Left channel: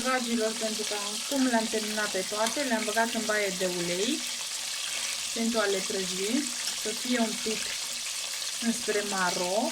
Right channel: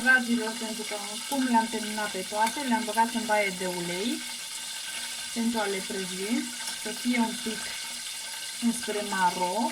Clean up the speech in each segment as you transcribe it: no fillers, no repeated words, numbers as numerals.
Dragilor, pentru că acum le-am terminat pe toate, le-am băgat în baie de ulei pentru a le prăji, să fie un pic înspre maro.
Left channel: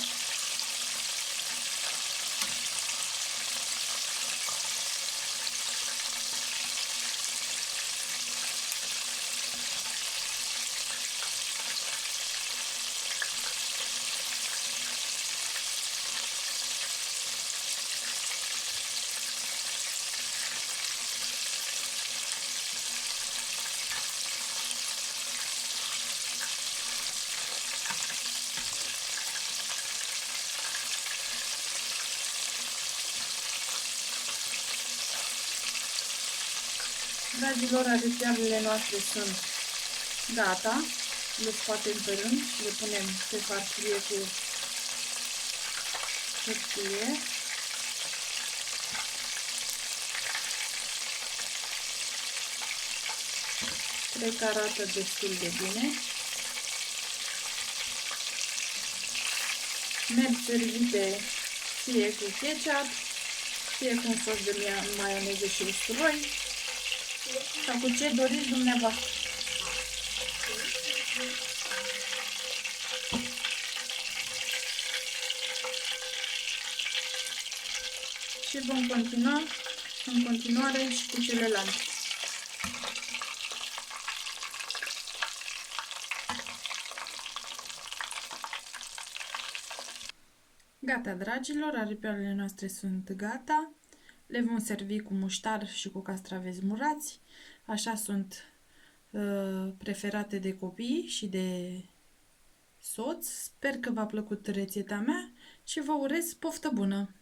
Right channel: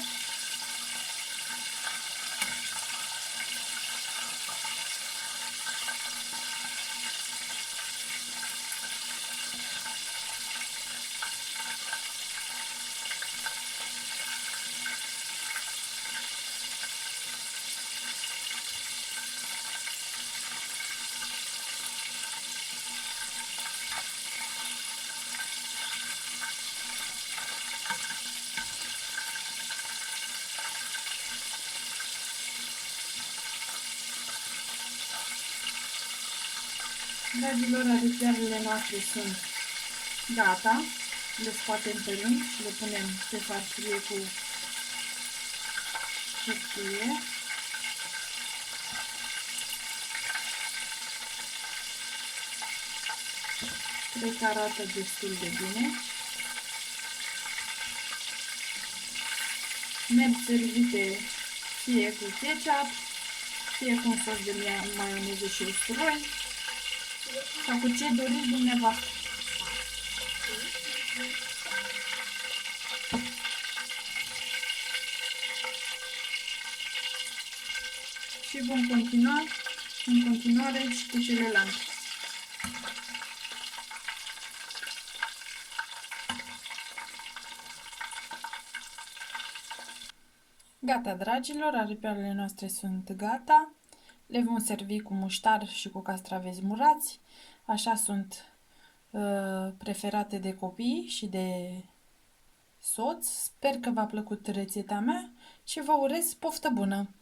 Dragilor, aripioarele noastre sunt gata. Le scoatem pe rând, le punem pe farfurie cu hârtie. Cred că arată destul de bine. Merg servite fie cu ketchup, fie cu un sos de maioneză și usturoi, sau cu ce doriți dumneavoastră. Și vom continua în continuare și cu celelalte. Gata, dragilor, aripioarele noastre sunt gata. Le vom servi cu muștar și cu castraveți murați. Așa sunt preferate de copii și de soț. Sper că v-a plăcut rețeta mea și vă urez poftă bună!